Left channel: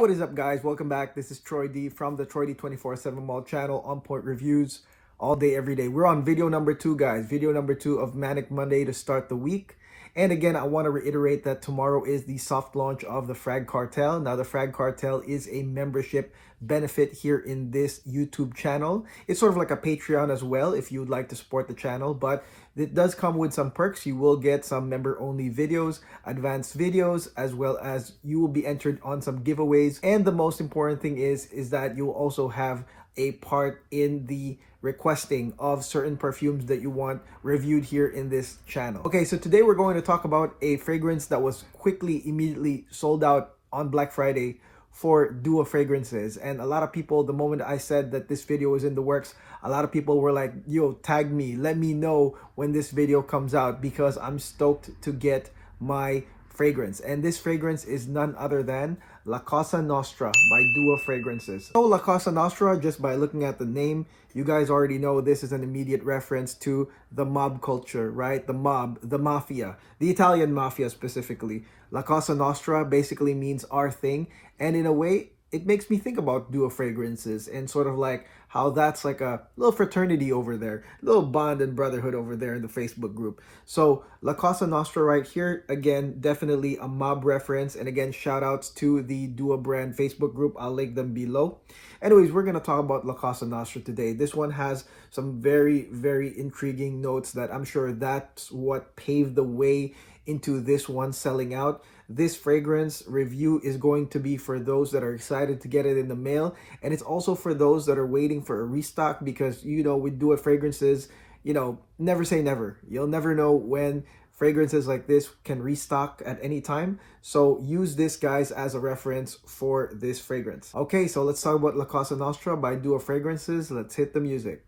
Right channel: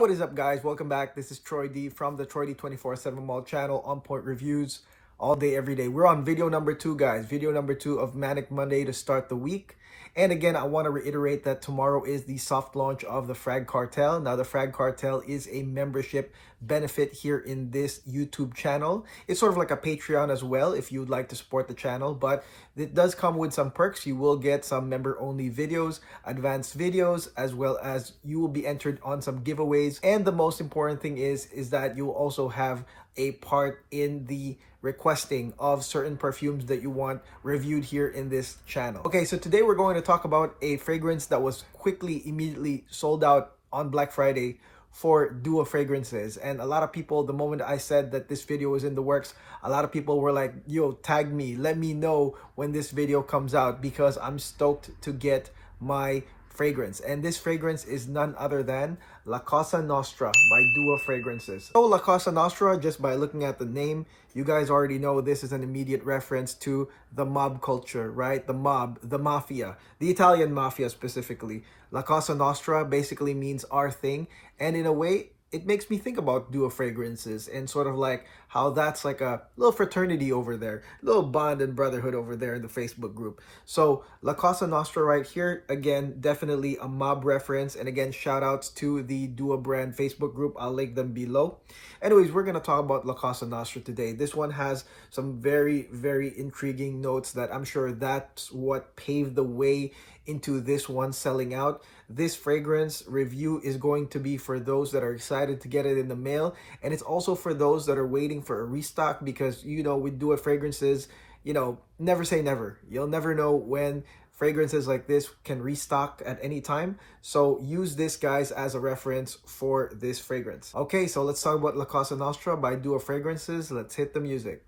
What is up, guys? Welcome back. This is Troy D from the Troy D 24/7 Mall channel, On Point Reviews, all day, every day. We're on video number 2, guys. Video number 2 of Manic Monday to start the week. And again, I want to reiterate that tomorrow is the soft launch of the Frag Cartel. Now, the Frag Cartel is a membership benefit here in this YouTube channel. It's sort of like a Patreon as well if you'd like to support the channel, but it does come with some perks. You will get some member-only videos, advanced videos, as well as you will be entered on some giveaways. And the most important thing is that you'll also have a part in the requesting of certain perfumes that you want reviewed here in this channel. Okay, so today we're going to talk about a fragrance that was immediately sold out on Black Friday for Dua Fragrances. And a lot of people, the moment I said that this video was in the works, a lot of people were like, yo, tag me, let me know when this video comes out, because I'm stoked to get my fragrance. And this fragrance is none other than La Cosa Nostra by Dua Fragrances. So La Cosa Nostra, just by looking at the name, you guys already know this is an immediate reference to the mob culture, right? The mob, the mafia, the Italian mafia specifically. La Cosa Nostra basically means our thing, and in a way, it makes me think about Dua Fragrances and sort of like how that's like a little fraternity over there, little bond and brotherhood over there in the Facebook group. So La Cosa Nostra right here, again, definitely a mob reference. And again, shout outs to the Dua brand Facebook group. I'll link them below. Anyways, we're going to talk about La Cosa Nostra today. This one has some very, very intriguing notes that I'm sure that's what paved the way into this one selling out. This fragrance review is going to be for those that are excited to get it in the mail, and it's also for those that are waiting for a restock, because you know, with Dua Fragrances, you know, never say never. You'll never know when fragrances like this can restock at any time. So use this, guys, as a reference for this fragrance. Okay, so let's talk about La Cosa Nostra by Dua Fragrances. Let's hit the music.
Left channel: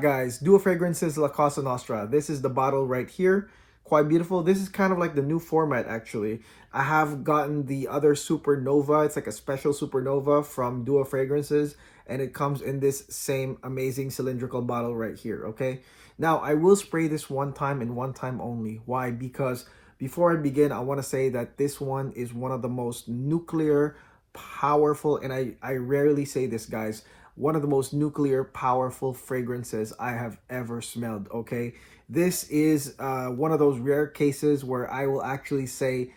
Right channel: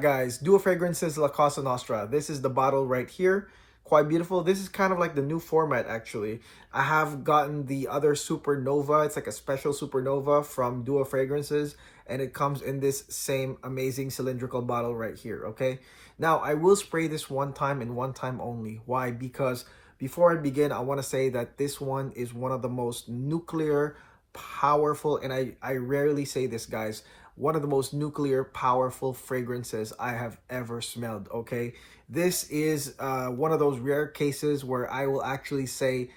Guys, Dua Fragrances La Cosa Nostra. This is the bottle right here. Quite beautiful. This is kind of like the new format, actually. I have gotten the other Supernova. It's like a special Supernova from Dua Fragrances, and it comes in this same amazing cylindrical bottle right here, okay? Now, I will spray this one time and one time only. Why? Because before I begin, I want to say that this one is one of the most nuclear, powerful, and I rarely say this, guys, one of the most nuclear powerful fragrances I have ever smelled, okay? This is one of those rare cases where I will actually say,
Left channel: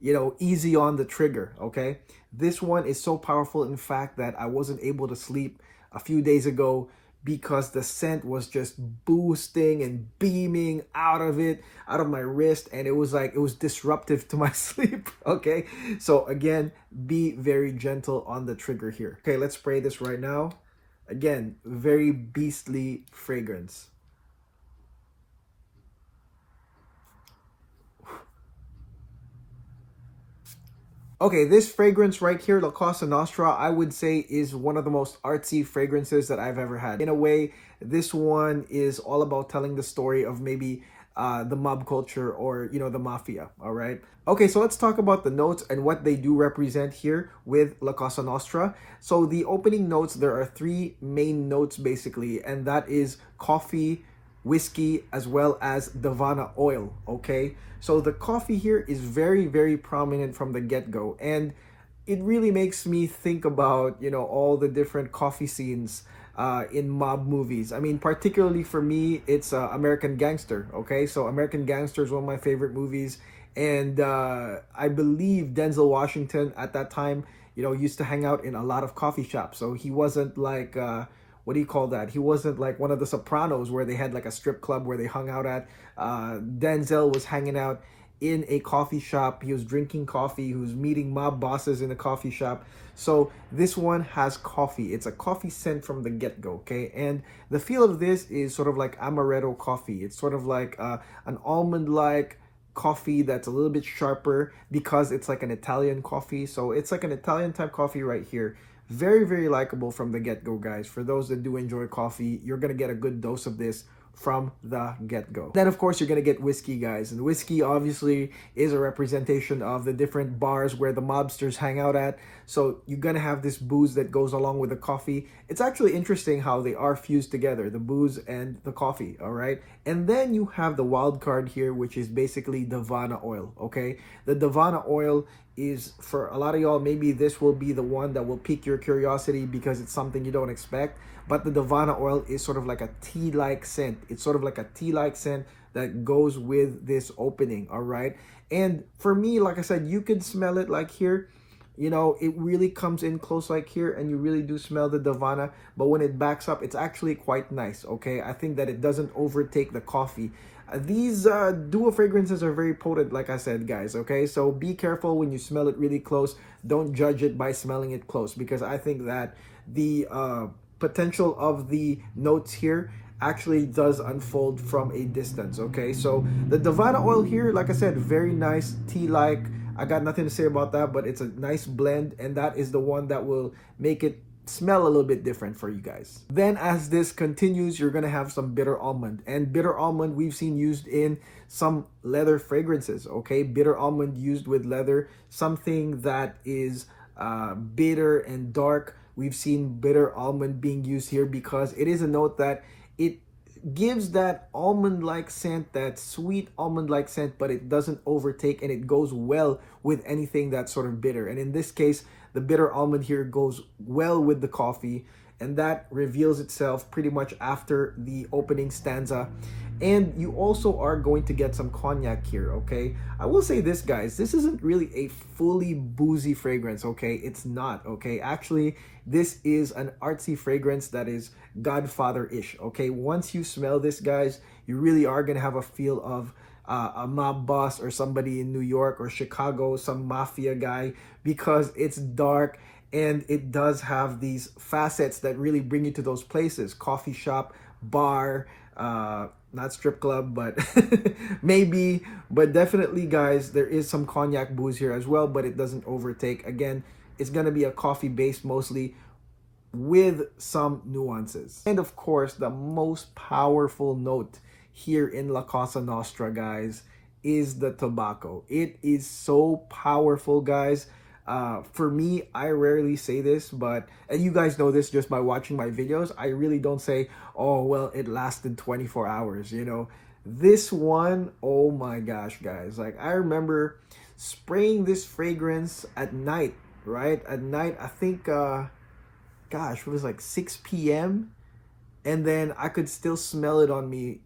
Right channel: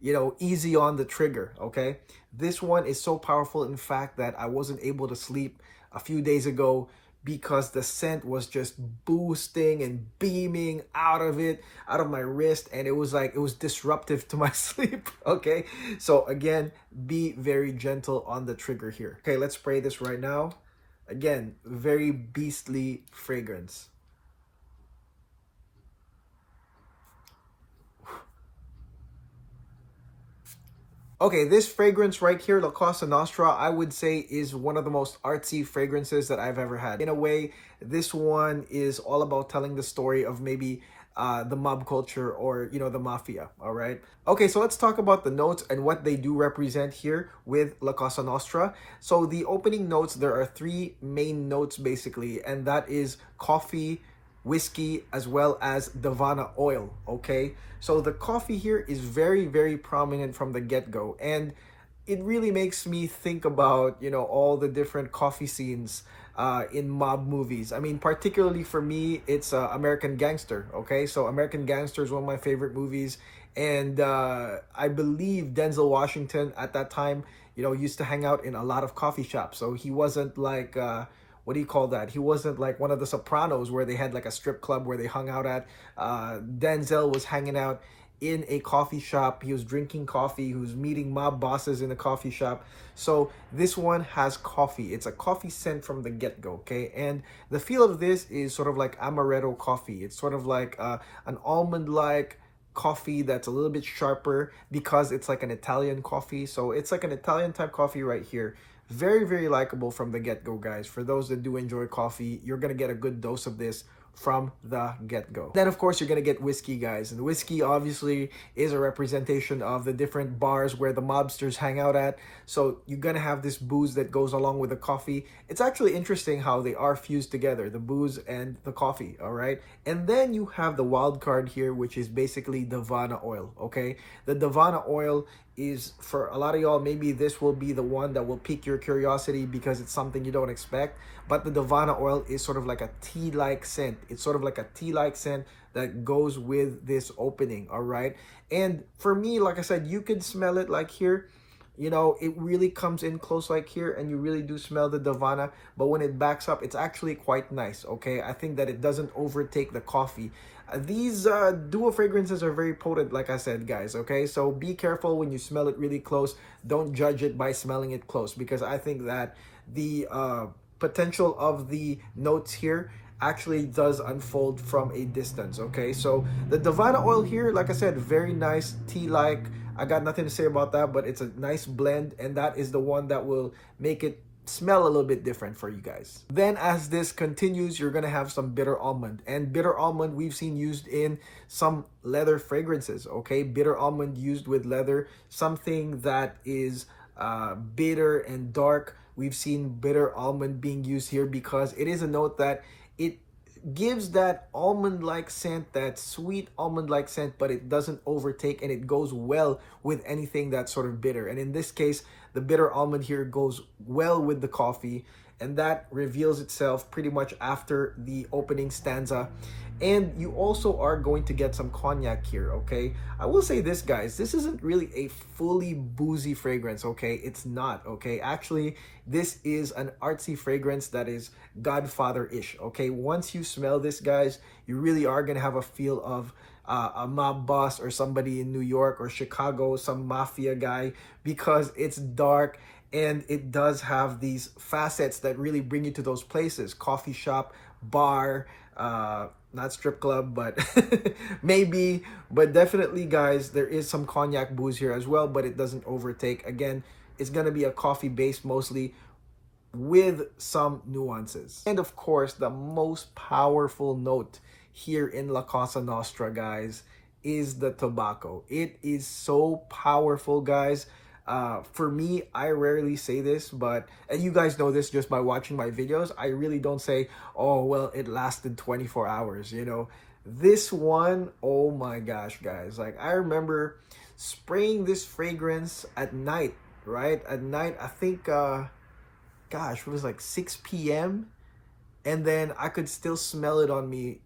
you know, easy on the trigger, okay? This one is so powerful, in fact, that I wasn't able to sleep a few days ago because the scent was just boosting and beaming out of my wrist, and it was like, it was disruptive to my sleep, okay? So again, be very gentle on the trigger here. Okay, let's spray this right now. Again, very beastly fragrance. Okay, this fragrance right here, La Cosa Nostra, I would say is one of the most artsy fragrances that I've ever had. In a way, this one is all about telling the story of maybe the mob culture, or, you know, the mafia, all right? Okay, so let's talk about the notes and what they do represent here with La Cosa Nostra. So the opening notes, there are 3 main notes basically, and that is coffee, whiskey, as well as Davana oil, okay? So the coffee here is very, very prominent from the get-go, and it really makes me think about, you know, all the different coffee scenes in mob movies. I mean, particularly for me, it's American Gangster, okay? So American Gangster is one of my favorite movies, and I believe Denzel Washington at that time, you know, used to hang out in a lot of coffee shops. So he wasn't like, what do you call that? He wasn't like one of the Sopranos where they had like a strip club where they hung out at. Denzel was hanging out in a coffee shop. He was drinking coffee. He was meeting mob bosses in a coffee shop. So this one has coffee. It's a coffee scent from the get-go, okay? And the feel of this is sort of like amaretto coffee. It's sort of like an almond-like coffee that's a little bit sharper because it's like an Italian coffee. So it's like an Italian type coffee right here. Very, very likable from the get-go, guys. For those that do enjoy coffee, you're going to get a good dose of this from the get-go. Then of course you're gonna get whiskey, guys, and whiskey obviously is a representation of the different bars where the mobsters hang out at. So you're gonna have this booze that goes along with the coffee. It's actually interesting how they are fused together, the booze and the coffee. All right, and then you have the wild card here, which is basically Davana oil. Okay, the Davana oil is, for a lot of y'all, maybe this will be the one that will pique your curiosity because it's something you don't expect. But the Davana oil is sort of like a tea-like scent. It's sort of like a tea-like scent that goes with this opening. All right, and for me, like I said, you could smell it like here. You know, it really comes in close like here, and you really do smell the Davana. But when it backs up, it's actually quite nice. Okay, I think that it doesn't overtake the coffee. These dual fragrances are very potent, like I said, guys. Okay, so be careful when you smell it really close. Don't judge it by smelling it close, because I think that the potential of the notes here actually does unfold from a distance. Okay, so the Davana oil here, like I said, very nice tea-like. I got nothing to say about that, but it's a nice blend, and that is the one that will make it smell a little bit different for you guys. Then as this continues, you're gonna have some bitter almond, and bitter almond we've seen used in some leather fragrances. Okay, bitter almond used with leather, something that is bitter and dark. We've seen bitter almond being used here because it is a note that it gives that almond-like scent, that sweet almond-like scent, but it doesn't overtake, and it goes well with anything that's sort of bitter. And in this case, the bitter almond here goes well with the coffee, and that reveals itself pretty much after the opening stanza. And you also are going to get some cognac here. Okay, I will say this, guys, this isn't really a fully boozy fragrance. Okay, it's not. Okay, actually this is an artsy fragrance that is Godfather-ish. Okay, once you smell this, guys, you really are gonna have a feel of a mob boss or somebody in New York or Chicago, some mafia guy, because it's dark and it does have these facets that really bring you to those places: coffee shop, bar, not strip club, but maybe. But definitely, guys, there is some cognac booze here as well, but it doesn't overtake. Again, it's gonna be a coffee base mostly, with some nuances. And of course, the most powerful note here in La Cosa Nostra, guys, is the tobacco. It is so powerful, guys. For me, I rarely say this, but, and you guys know this just by watching my videos, I really don't say, oh, well, it lasted 24 hours, you know. This one, oh my gosh, guys. Like, I remember spraying this fragrance at night, right? At night, I think, gosh, it was like 6 p.m. And then I could still smell it on me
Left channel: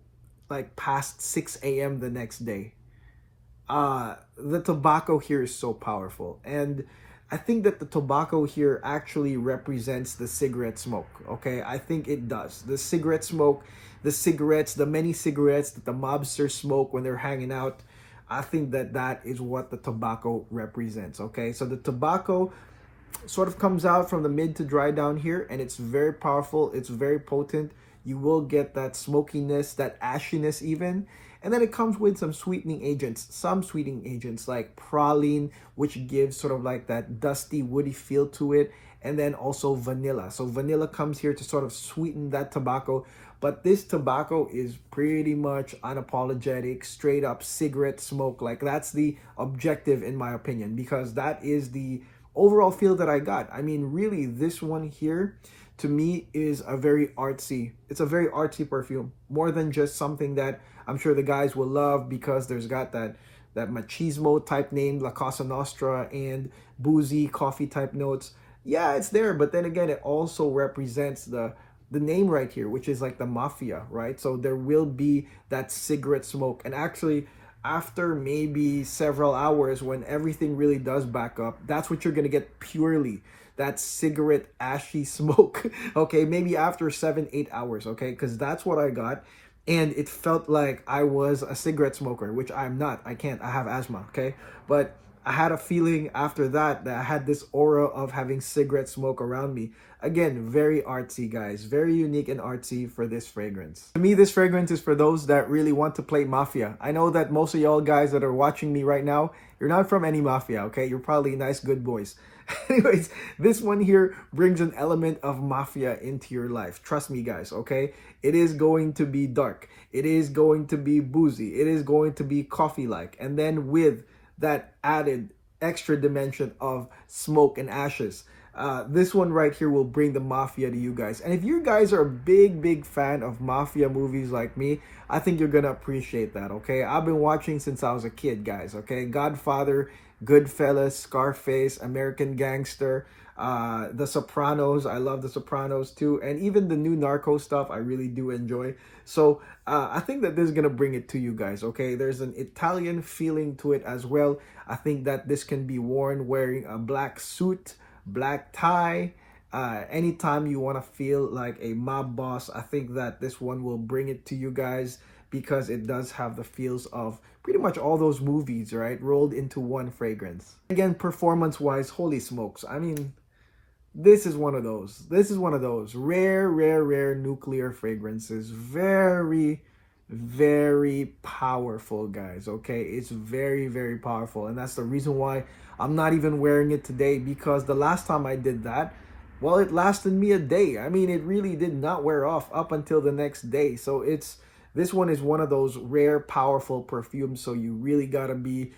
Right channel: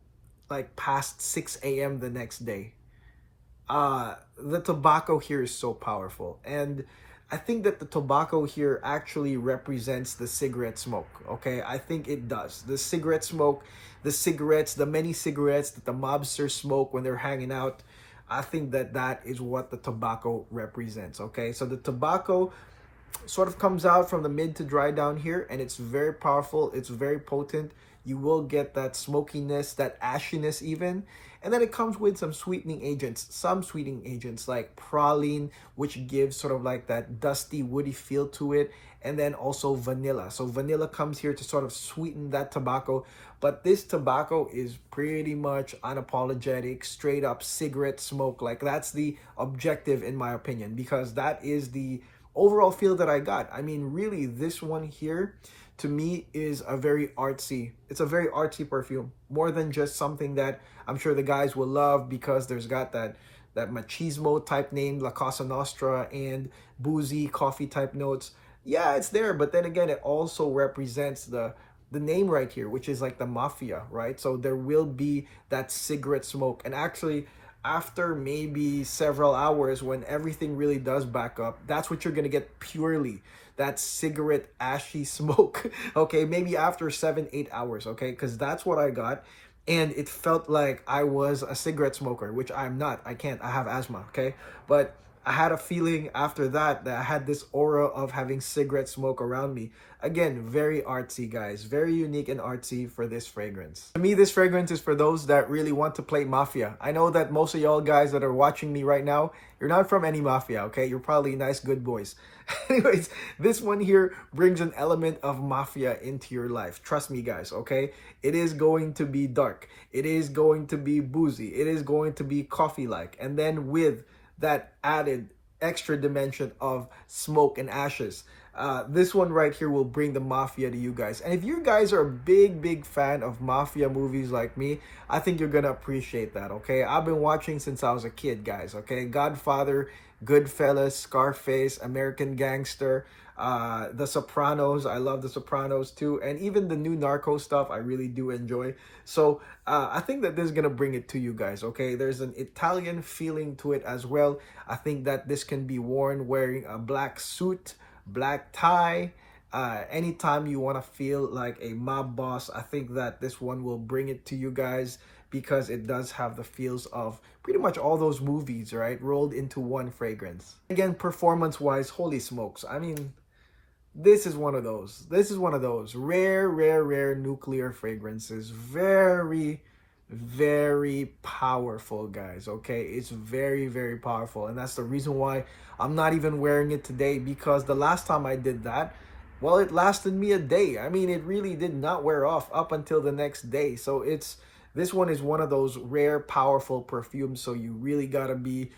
like past 6 a.m. the next day. The tobacco here is so powerful, and I think that the tobacco here actually represents the cigarette smoke. Okay, I think it does. The cigarette smoke, the cigarettes, the many cigarettes that the mobsters smoke when they're hanging out, I think that that is what the tobacco represents. Okay, so the tobacco sort of comes out from the mid to dry down here, and it's very powerful, it's very potent. You will get that smokiness, that ashiness even. And then it comes with some sweetening agents like praline, which gives sort of like that dusty, woody feel to it. And then also vanilla. So vanilla comes here to sort of sweeten that tobacco. But this tobacco is pretty much unapologetic, straight up cigarette smoke. Like, that's the objective in my opinion, because that is the overall feel that I got. I mean, really, this one here to me is a very artsy, it's a very artsy perfume, more than just something that I'm sure the guys will love because there's got that machismo type name, La Cosa Nostra, and boozy coffee type notes. Yeah, it's there, but then again, it also represents the name right here, which is like the mafia, right? So there will be that cigarette smoke. And actually, after maybe several hours, when everything really does back up, that's what you're gonna get purely, that cigarette ashy smoke. Okay, maybe after 7-8 hours, okay, because that's what I got. And it felt like I was a cigarette smoker, which I'm not. I can't, I have asthma. Okay, but I had a feeling after that I had this aura of having cigarette smoke around me. Again, very artsy, guys. Very unique and artsy for this fragrance. To me, this fragrance is for those that really want to play Mafia. I know that most of y'all guys that are watching me right now, you're not from any Mafia, okay? You're probably nice, good boys. Anyways, this one here brings an element of Mafia into your life. Trust me, guys, okay? It is going to be dark. It is going to be boozy. It is going to be coffee-like. And then with that added extra dimension of smoke and ashes, this one right here will bring the Mafia to you guys. And if you guys are a big fan of Mafia movies like me, I think you're gonna appreciate that, okay? I've been watching since I was a kid, guys, okay? Godfather, Goodfellas, Scarface, American Gangster, The Sopranos. I love The Sopranos too, and even the new Narco stuff I really do enjoy. So I think that this is gonna bring it to you guys, okay? There's an Italian feeling to it as well. I think that this can be worn wearing a black suit, black tie, anytime you want to feel like a mob boss. I think that this one will bring it to you guys, because it does have the feels of pretty much all those movies, right, rolled into one fragrance. Again, performance wise, holy smokes, I mean, this is one of those rare nuclear fragrances. Very powerful, guys, okay? It's very powerful, and that's the reason why I'm not even wearing it today, because the last time I did that, well, it lasted me a day. I mean, it really did not wear off up until the next day. So this one is one of those rare, powerful perfumes, so you really gotta be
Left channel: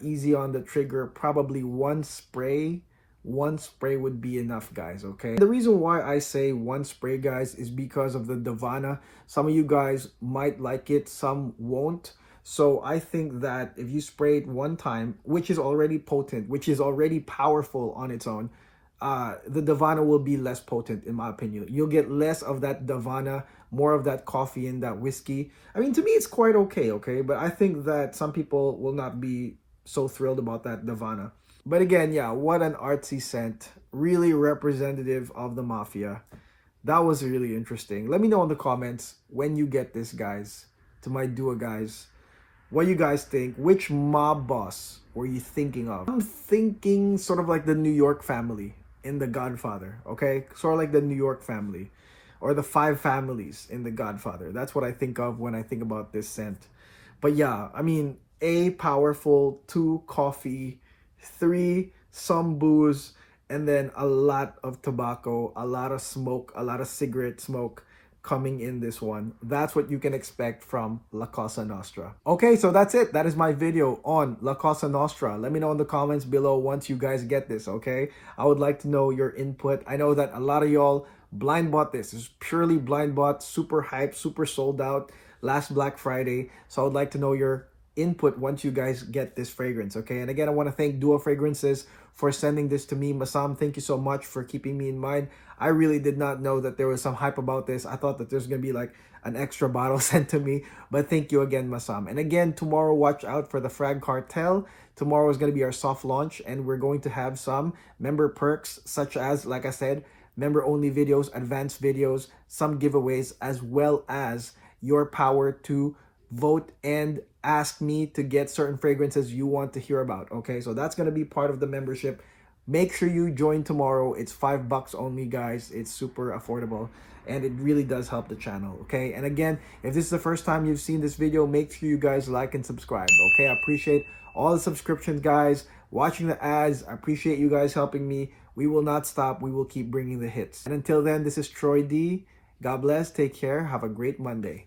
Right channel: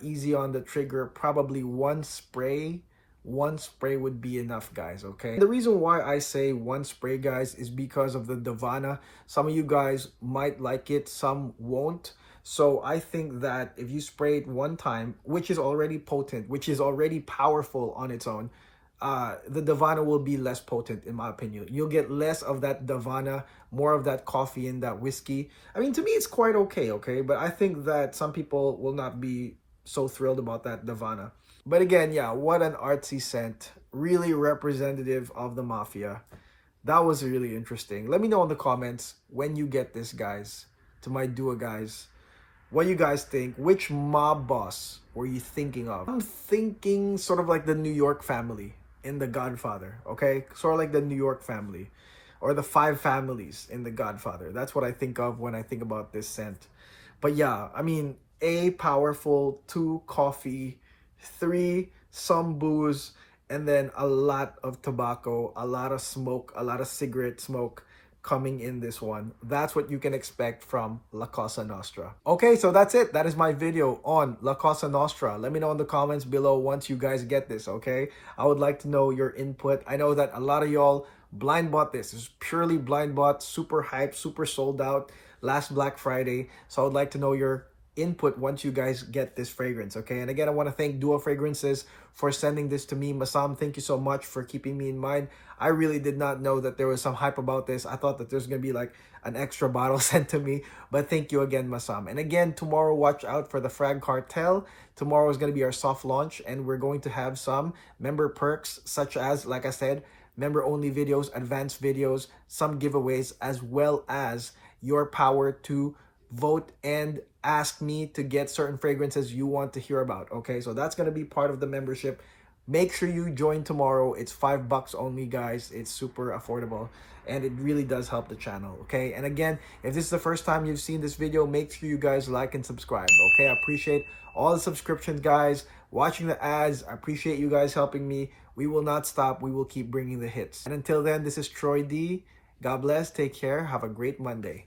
easy on the trigger. Probably one spray would be enough, guys, okay? The reason why I say one spray, guys, is because of the Davana. Some of you guys might like it, some won't. So I think that if you spray it one time, which is already potent, which is already powerful on its own, the Davana will be less potent, in my opinion. You'll get less of that Davana, more of that coffee and that whiskey. I mean, to me, it's quite okay, but I think that some people will not be so thrilled about that Davana. But again, yeah, what an artsy scent. Really representative of the Mafia. That was really interesting. Let me know in the comments when you get this, guys, to my duo guys. What you guys think? Which mob boss were you thinking of? I'm thinking sort of like the New York family in The Godfather, okay? Sort of like the New York family, or the 5 families in The Godfather. That's what I think of when I think about this scent. But yeah, I mean, A, powerful, 2, coffee, 3, some booze, and then a lot of tobacco, a lot of smoke, a lot of cigarette smoke coming in this one. That's what you can expect from La Cosa Nostra. Okay, so that's it. That is my video on La Cosa Nostra. Let me know in the comments below once you guys get this, okay? I would like to know your input. I know that a lot of y'all blind bought this. It's purely blind bought, super hyped, super sold out last Black Friday. So I would like to know your input once you guys get this fragrance, okay? And again, I want to thank Duo Fragrances for sending this to me. Masam, thank you so much for keeping me in mind. I really did not know that there was some hype about this. I thought that there's gonna be like an extra bottle sent to me, but thank you again, Masam. And again, tomorrow, watch out for the Frag Cartel. Tomorrow is gonna be our soft launch, and we're going to have some member perks, such as, like I said, member only videos, advanced videos, some giveaways, as well as your power to vote and ask me to get certain fragrances you want to hear about, okay? So that's going to be part of the membership. Make sure you join tomorrow. It's $5 only, guys. It's super affordable, and it really does help the channel, okay? And again, if this is the first time you've seen this video, make sure you guys like and subscribe, okay? I appreciate all the subscriptions, guys, watching the ads. I appreciate you guys helping me. We will not stop. We will keep bringing the hits. And until then, this is Troy D. God bless. Take care. Have a great Monday.